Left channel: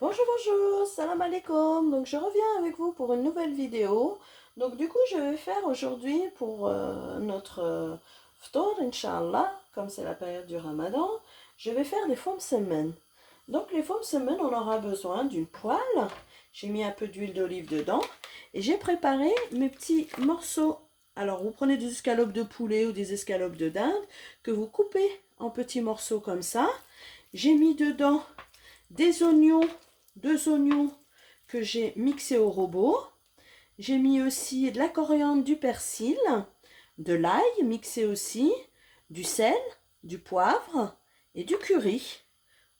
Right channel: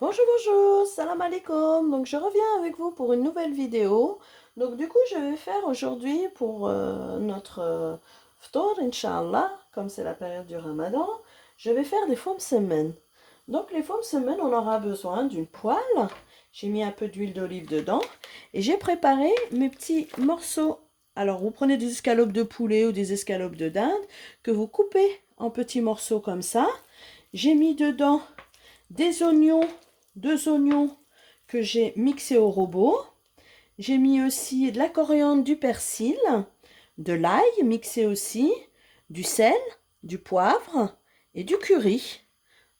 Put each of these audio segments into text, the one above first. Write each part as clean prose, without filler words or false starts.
Bonjour, bonjour, salam alaikum. Donc je reviens avec vous pour une nouvelle vidéo. Donc du coup, je vais faire aujourd'hui pour notre ftour, Inch'Allah, comme c'est la période du Ramadan, je vais faire des fums semen. Donc les fums semen, on aura besoin d'une poêle. J'ai mis un peu d'huile d'olive dedans et j'ai préparé mes petits morceaux. Alors vous prenez des escalopes de poulet ou des escalopes de dinde que vous coupez en petits morceaux comme ça. J'ai mis dedans des oignons, deux oignons que j'ai mixés au robot. J'ai mis aussi de la coriandre, du persil, de l'ail mixé aussi, du sel, du poivre et du curry.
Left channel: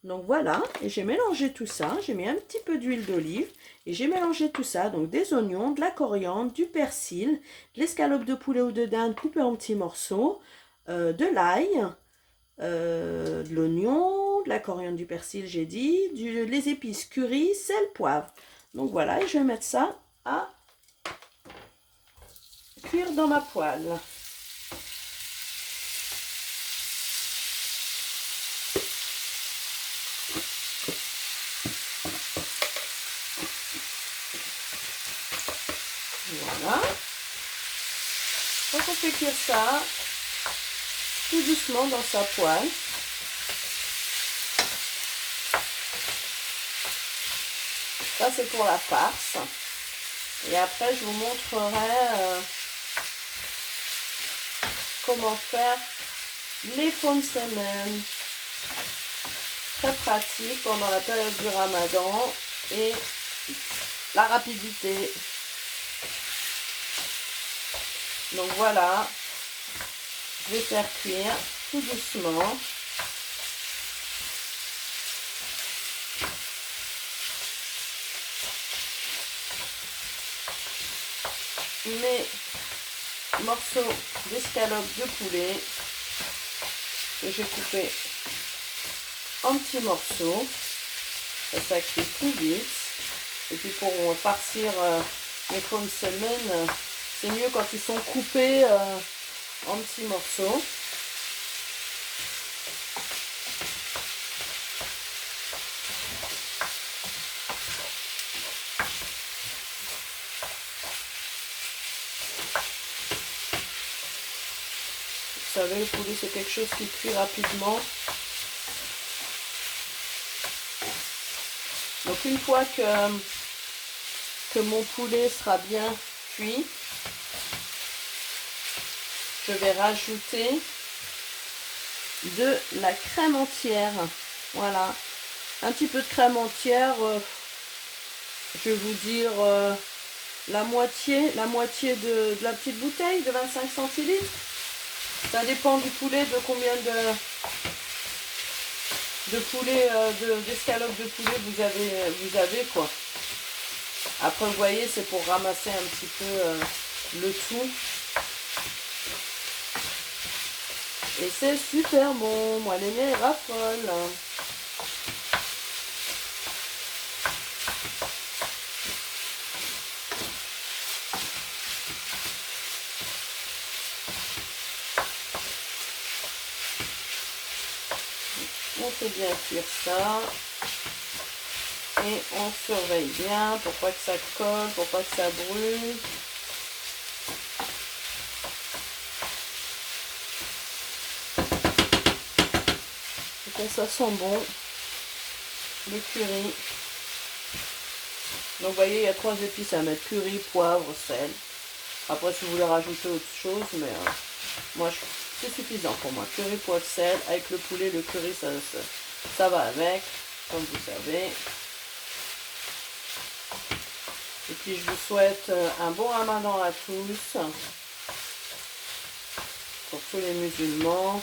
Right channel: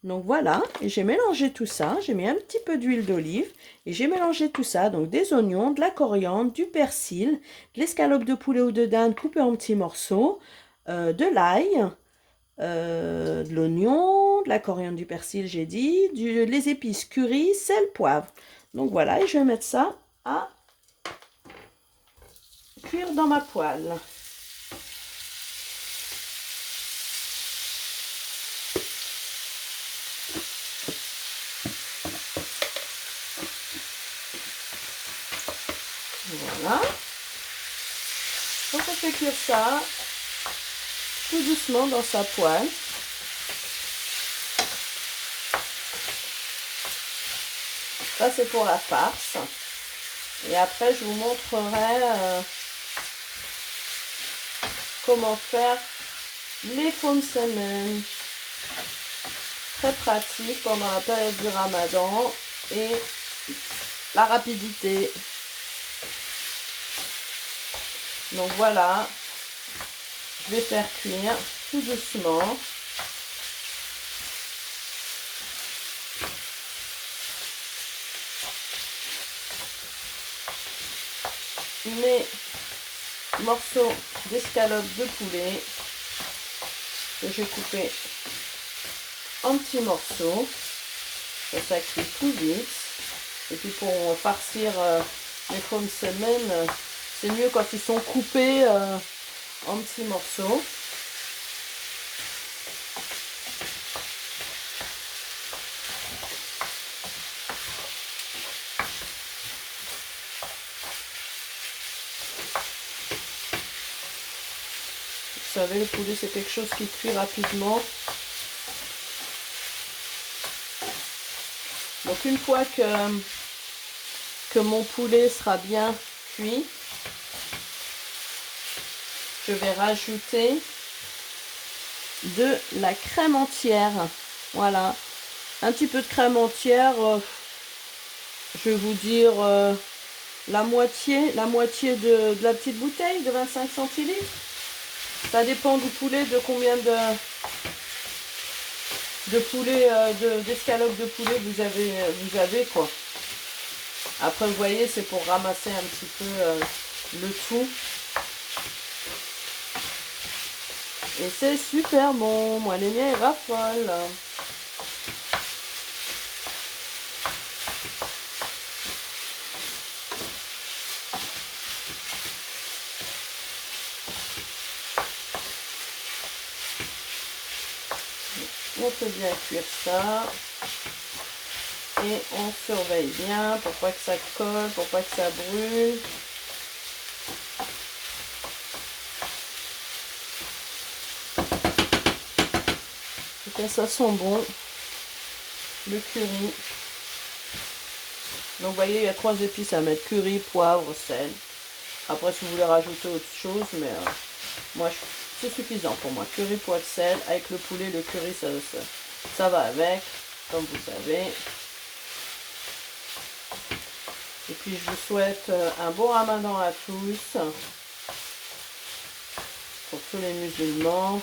Donc voilà, et j'ai mélangé tout ça, j'ai mis un petit peu d'huile d'olive et j'ai mélangé tout ça, donc des oignons, de la coriandre, du persil, de l'escalope de poulet ou de dinde coupée en petits morceaux, de l'ail, de l'oignon, de la coriandre, du persil, j'ai dit, les épices curry, sel, poivre. Donc voilà, et je vais mettre ça à cuire dans ma poêle. Voilà. Donc on fait cuire ça tout doucement dans sa poêle. Ça c'est pour la farce. Et après je vous montrerai comment faire les faux semaines. Très pratique pendant la période du Ramadan et la rapidité. Donc voilà, je vais faire cuire tout doucement. Mes morceaux d'escalope de poulet que j'ai coupé en petits morceaux. Ça cuit plus vite. Et puis pour farcir les pommes semaines, c'est mieux quand ils sont coupés en petits morceaux. Vous savez, le poulet c'est quelque chose qui cuit rapidement. Donc une fois que mon poulet sera bien cuit, je vais rajouter de la crème entière. Voilà, un petit peu de crème entière, je vais vous dire la moitié de la petite bouteille de 25 centilitres. Ça dépend du poulet, de combien de poulet, d'escalope de poulet vous avez quoi. Après vous voyez, c'est pour ramasser un petit peu le tout. Et c'est super bon, moi les mets raffolent. On fait bien cuire ça. Et on surveille bien pour pas que ça colle, pour pas que ça brûle. Et ça sent bon, le curry. Donc vous voyez, il y a 3 épices à mettre, curry, poivre, sel. Après si vous voulez rajouter autre chose, mais moi c'est suffisant pour moi. Curry, poivre, sel, avec le poulet, le curry ça va avec, comme vous savez. Et puis je vous souhaite un bon ramadan à tous, pour tous les musulmans.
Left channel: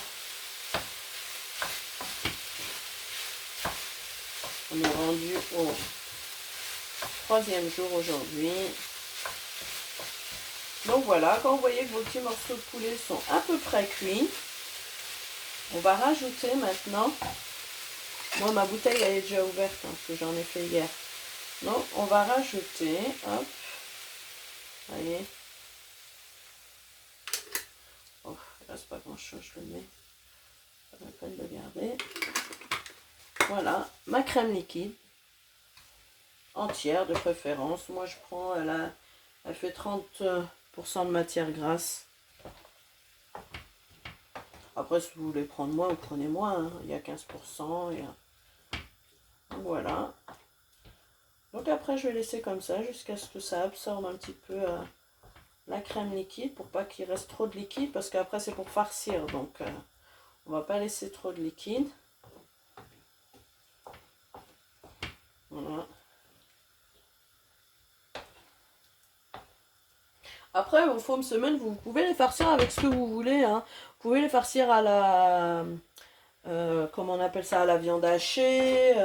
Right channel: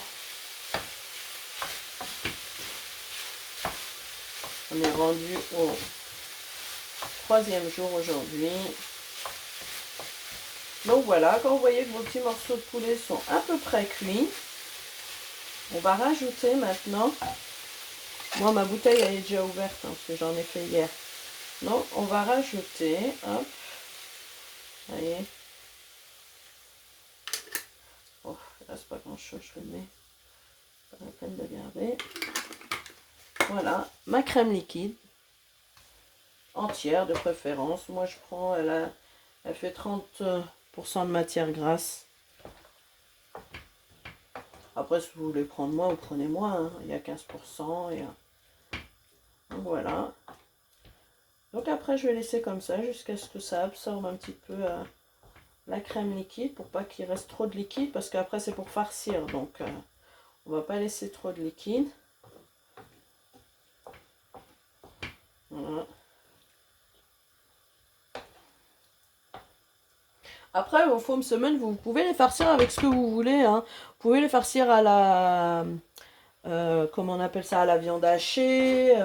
On est rendu au 3e jour aujourd'hui. Donc voilà, quand vous voyez que vos petits morceaux de poulet sont à peu près cuits, on va rajouter maintenant. Moi ma bouteille elle est déjà ouverte hein, parce que j'en ai fait hier. Donc on va rajouter, hop, allez. Oh, il reste pas grand chose, je le mets. Pas la peine de garder. Voilà, ma crème liquide. entière de préférence. Moi je prends, elle fait 30% de matière grasse. Après si vous voulez prendre moins, vous prenez moins, hein. Il y a 15%. Voilà. Donc après je vais laisser comme ça jusqu'à ce que ça absorbe un petit peu la crème liquide pour pas qu'il reste trop de liquide parce qu'après c'est pour farcir. Donc on va pas laisser trop de liquide. Voilà. Après, vos pommes semaines, vous pouvez les farcir avec ce que vous voulez, hein. Vous pouvez les farcir à la... comment on appelle ça? À la viande hachée,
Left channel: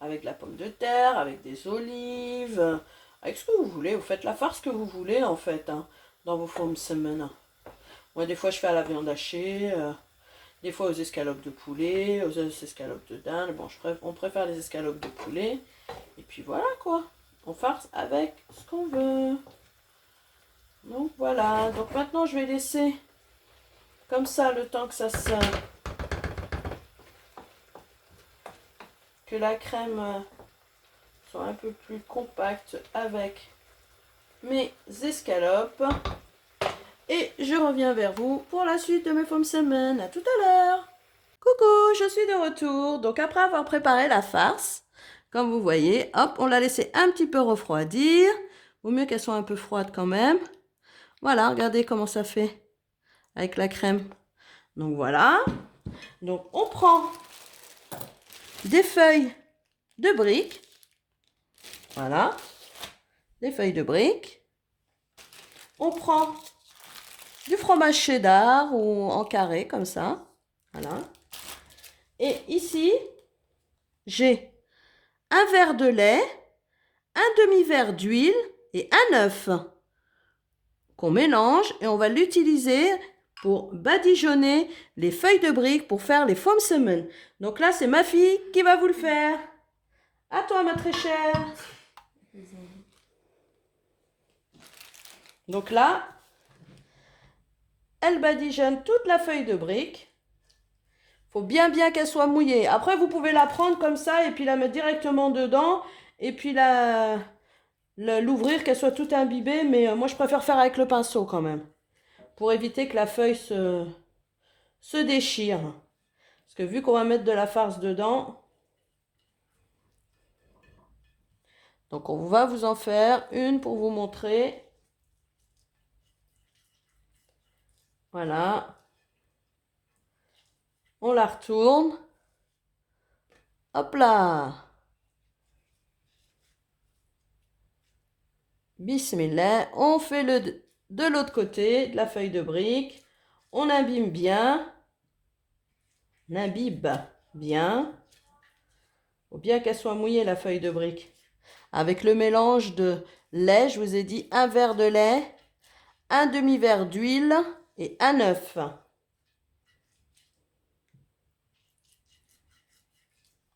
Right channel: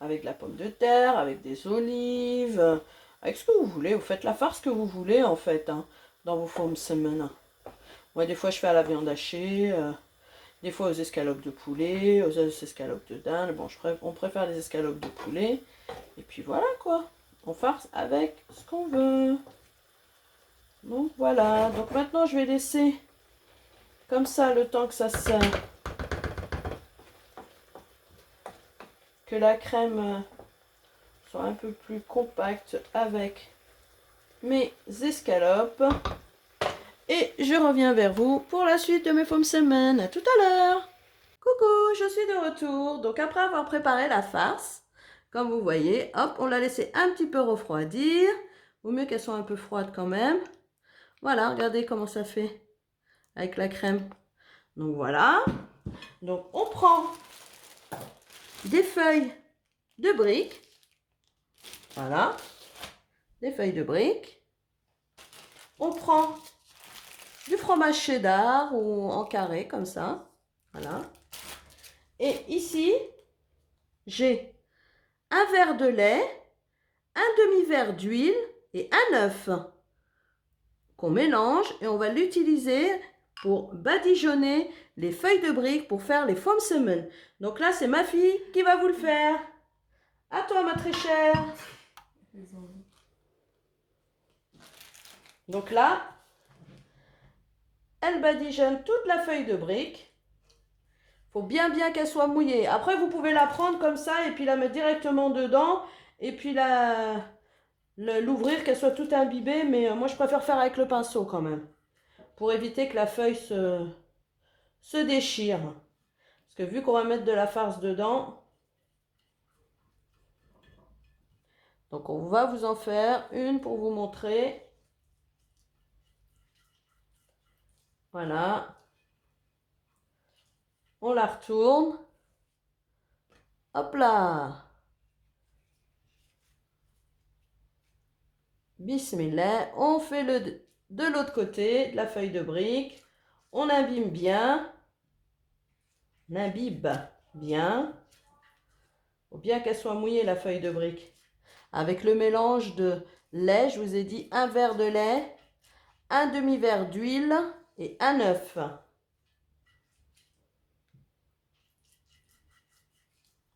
avec de la pomme de terre, avec des olives, avec ce que vous voulez. Vous faites la farce que vous voulez, en fait, hein, dans vos pommes semaines. Moi, des fois, je fais à la viande hachée, des fois aux escalopes de poulet, aux escalopes de dinde. Bon, on préfère les escalopes de poulet. Et puis voilà, quoi. On farce avec ce qu'on veut. Donc voilà, donc maintenant je vais laisser comme ça le temps que ça sert, que la crème soit un peu plus compacte avec mes escalopes. Et je reviens vers vous pour la suite de mes pommes semaines. À tout à l'heure. Coucou, je suis de retour. Donc après avoir préparé la farce, comme vous voyez, hop, on l'a laissé un petit peu refroidir. Vaut mieux qu'elle soit un peu froide quand même. Voilà, regardez comment ça fait avec la crème. Donc voilà. Donc on prend des feuilles de briques. Voilà. Des feuilles de briques. On prend du fromage cheddar ou en carré comme ça. Voilà. Et ici, j'ai un verre de lait, un demi-verre d'huile et un œuf qu'on mélange et on va l'utiliser pour badigeonner les feuilles de briques pour faire les pommes semaines. Donc là, c'est ma fille qui va vous le faire. À toi, ma très chère. Donc là, elle badigeonne toute la feuille de brique. Faut bien qu'elle soit mouillée. Après, vous pouvez la prendre comme ça et puis la mettre directement dedans et puis l'ouvrir, qu'elle soit toute imbibée. Mais moi, je préfère faire avec le pinceau quand même pour éviter que la feuille se déchire. Parce que vu qu'on va mettre de la farce dedans, donc on va vous en faire une pour vous montrer. Voilà. On la retourne. Hop là. Bismillah. On fait de l'autre côté de la feuille de brique. On imbibe bien. On imbibe bien. Il faut bien qu'elle soit mouillée la feuille de brique. Avec le mélange de lait, je vous ai dit un verre de lait, un demi-verre d'huile et un œuf.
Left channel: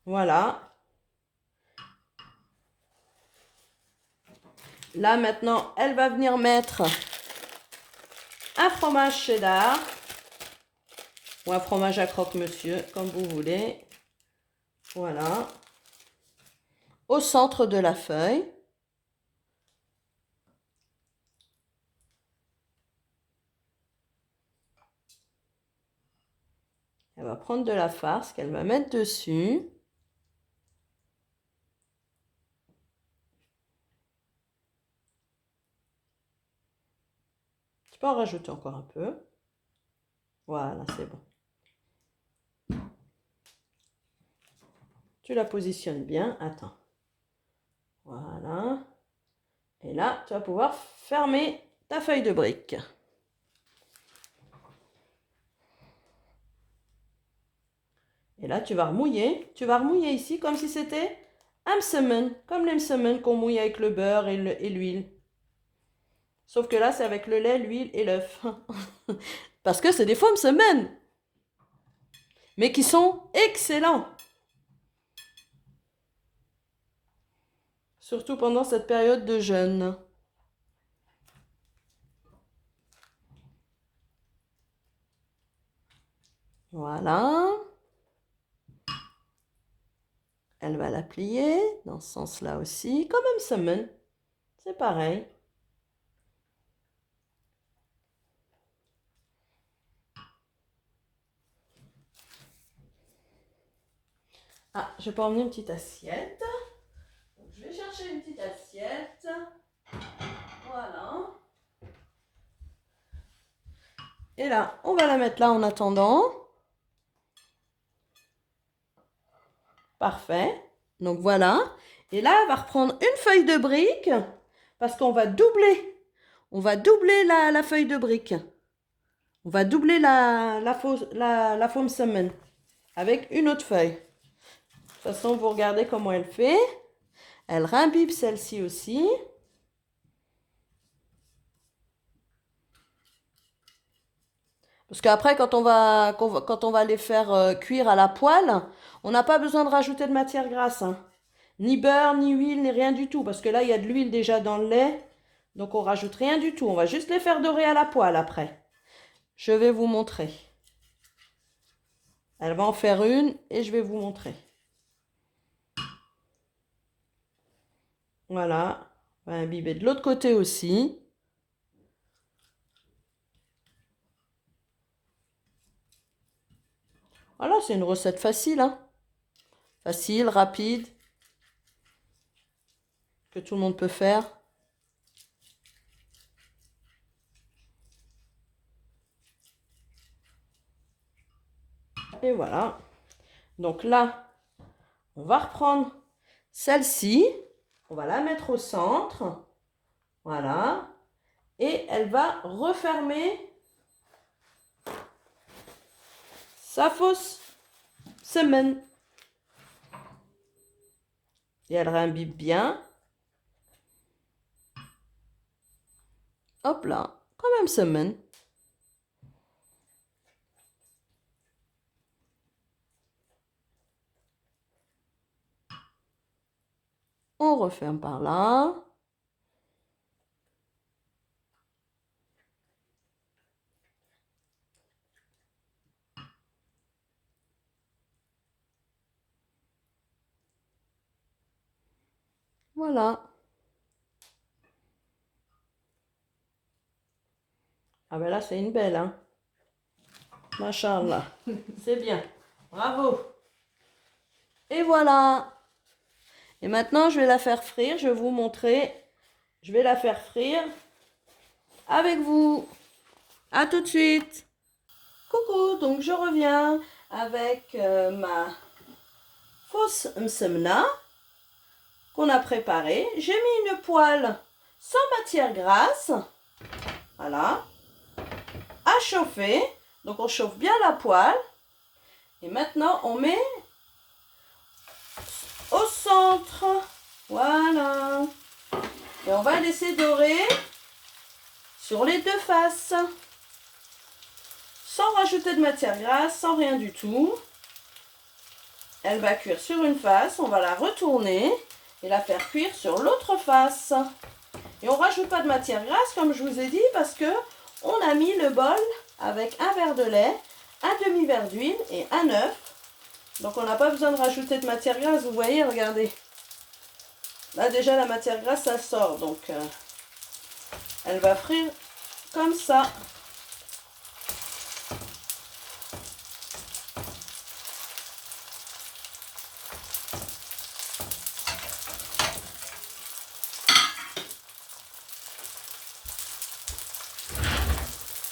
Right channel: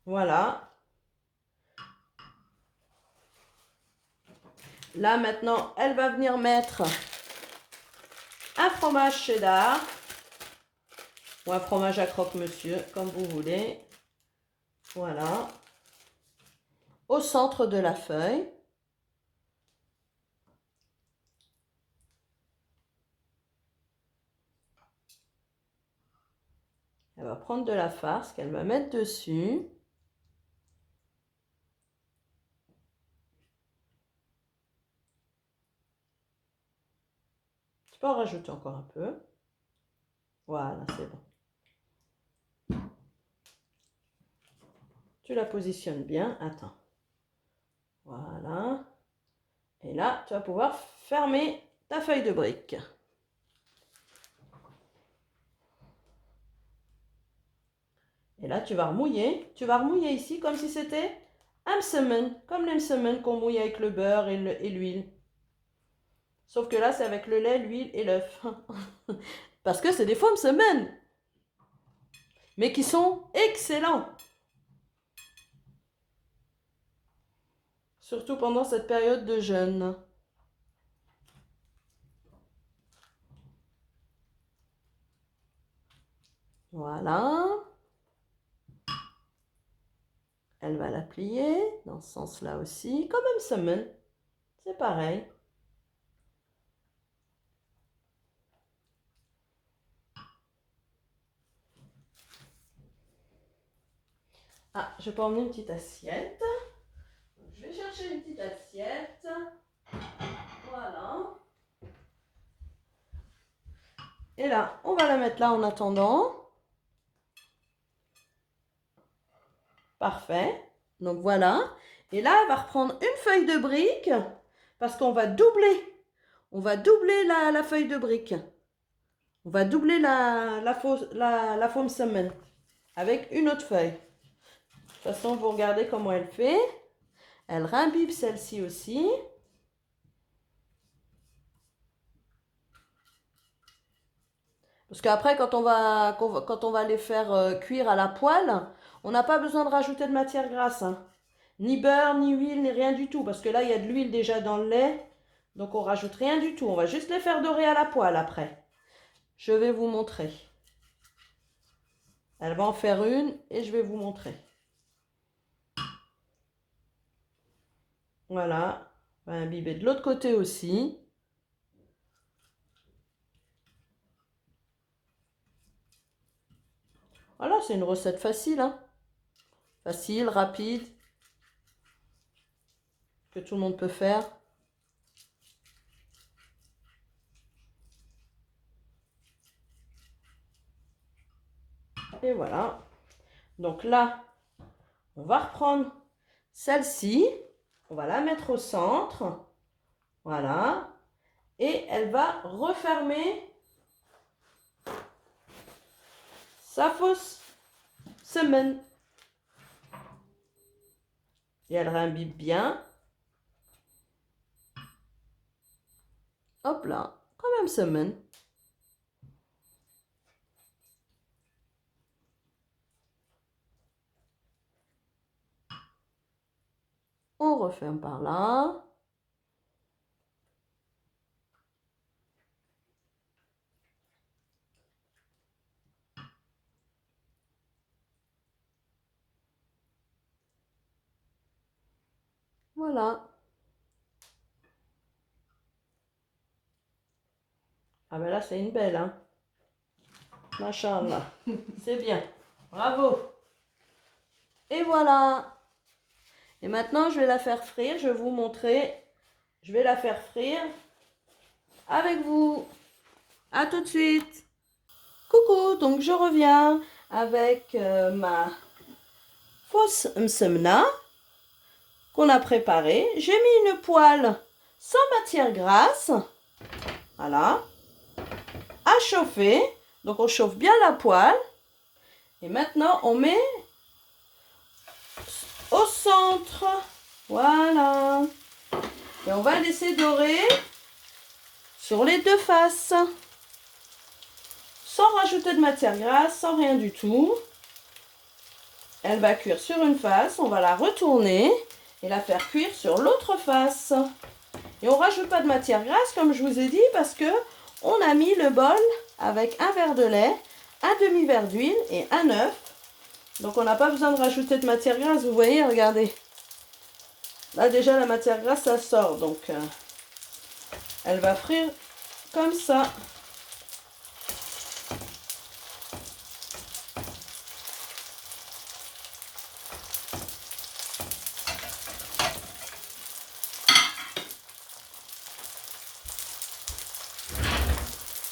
Voilà. Là maintenant, elle va venir mettre un fromage cheddar ou un fromage à croque-monsieur, comme vous voulez. Voilà. Au centre de la feuille. Elle va prendre de la farce qu'elle va mettre dessus. Tu peux en rajouter encore un peu. Voilà, c'est bon. Tu la positionnes bien. Attends. Voilà. Et là, tu vas pouvoir fermer ta feuille de brique. Et là, tu vas remouiller. Tu vas remouiller ici comme si c'était un msemen, comme les msemen qu'on mouille avec le beurre et l'huile. Sauf que là, c'est avec le lait, l'huile et l'œuf. Parce que c'est des faux msemen, mais qui sont excellents. Surtout pendant cette période de jeûne. Voilà. elle va la plier dans ce sens-là aussi, comme un semaine. C'est pareil. Ah, je vais pas emmener une petite assiette. Donc, je vais chercher une petite assiette. Voilà. Et là, on va la mettre là en attendant. Parfait. Donc voilà. Et là, elle va reprendre une feuille de brique parce qu'on va doubler. On va doubler la feuille de brique. On va doubler la foam semaine avec une autre feuille. De toute façon, vous regardez comment elle fait. Elle imbibe celle-ci aussi. Parce qu'après, quand on va les faire cuire à la poêle, on n'a pas besoin de rajouter de matière grasse, hein. Ni beurre, ni huile, ni rien du tout. Parce que là, il y a de l'huile déjà dans le lait. Donc, on rajoute rien du tout. On va juste les faire dorer à la poêle après. Je vais vous montrer. Elle va en faire une et je vais vous montrer. Voilà. On va imbiber de l'autre côté aussi. Voilà, c'est une recette facile, hein. Facile, rapide, que tout le monde peut faire. Et voilà. Donc là, on va reprendre celle-ci. On va la mettre au centre. Voilà. Et elle va refermer sa fausse semaine. Et elle réimbibe bien. Hop là, quand même semaine. On referme par là. Voilà. Ah ben là, c'est une belle, hein. Machallah. C'est bien. Bravo. Et voilà. Et maintenant, je vais la faire frire. Je vais vous montrer. Je vais la faire frire avec vous. À tout de suite. Coucou, donc je reviens avec ma fausse msemna qu'on a préparée. J'ai mis une poêle sans matière grasse. Voilà. À chauffer. Donc on chauffe bien la poêle. Et maintenant on met au centre. Voilà. Et on va laisser dorer sur les deux faces. Sans rajouter de matière grasse, sans rien du tout. Elle va cuire sur une face. On va la retourner et la faire cuire sur l'autre face. Et on ne rajoute pas de matière grasse comme je vous ai dit parce que on a mis le bol avec un verre de lait, un demi-verre d'huile et un œuf. Donc on n'a pas besoin de rajouter de matière grasse, vous voyez, regardez. Là déjà la matière grasse ça sort, donc elle va frire comme ça.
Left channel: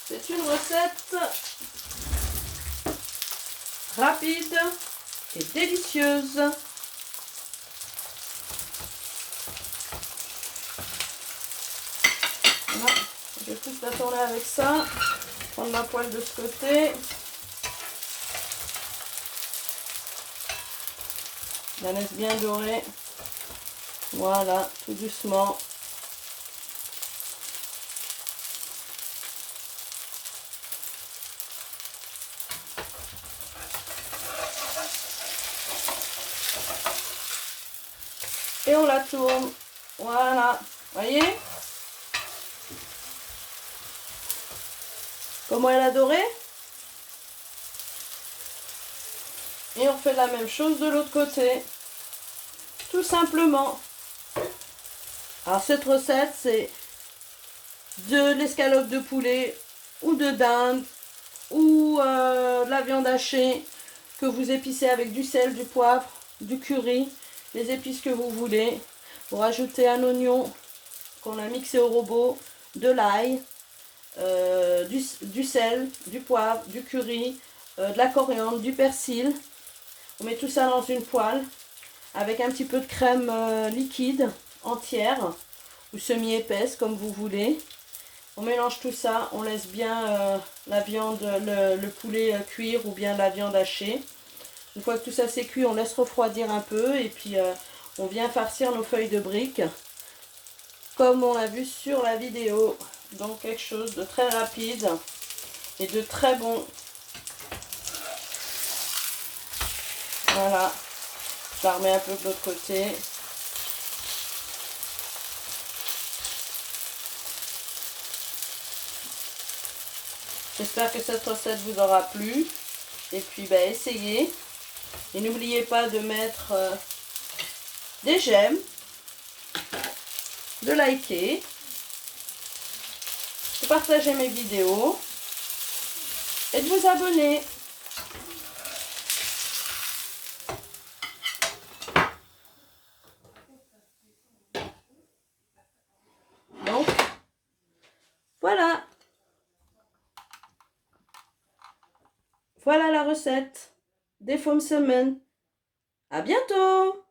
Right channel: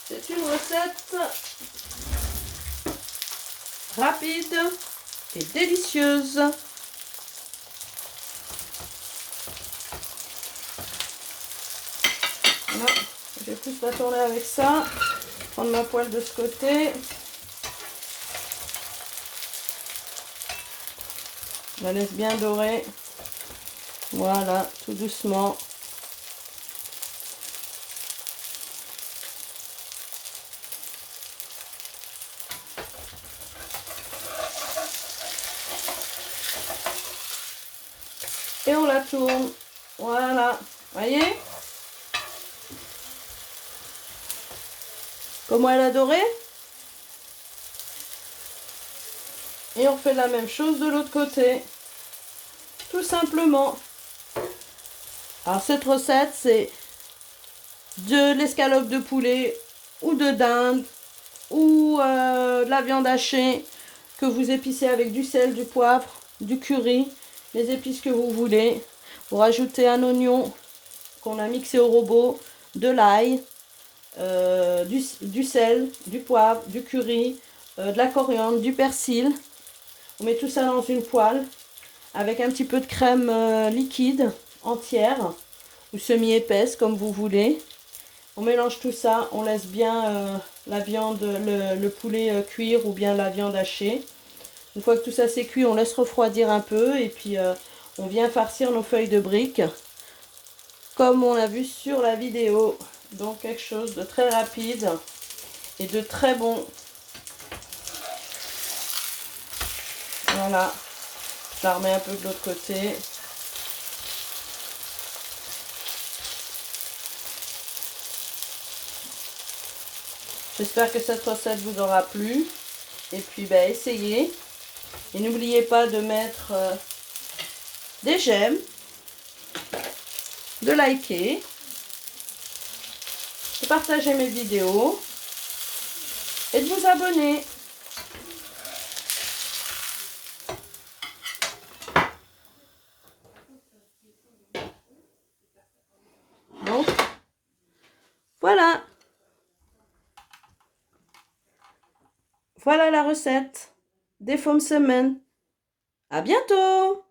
C'est une recette rapide et délicieuse. Voilà. Je vais plus la tourner avec ça. Prendre ma poêle de ce côté. Je la laisse bien dorer. Voilà, tout doucement. Et on la tourne. Voilà. Voyez comment elle a doré? Et on fait la même chose de l'autre côté. tout simplement. Alors cette recette, c'est de l'escalope de poulet ou de dinde ou de la viande hachée que vous épicez avec du sel, du poivre, du curry, les épices que vous voulez. Vous rajoutez un oignon qu'on a mixé au robot, de l'ail, du sel, du poivre, du curry, de la coriandre, du persil. On met tout ça dans une poêle avec un petit peu de crème liquide entière ou semi-épaisse comme vous voulez. On mélange tout ça, on laisse bien la viande, le poulet cuire ou bien la viande hachée. Une fois que tout ça c'est cuit, on laisse refroidir un peu et puis on vient farcir nos feuilles de briques comme on l'a vu sur la vidéo. Donc quelque chose de très rapide et de très bon. Voilà, je la remets un peu de l'autre côté. J'espère que cette recette vous aura plu. Et puis, essayez. Et n'oubliez pas de mettre des j'aime, de liker, de partager mes vidéos et de vous abonner. Donc, voilà. Voilà la recette des pommes semaines. À bientôt!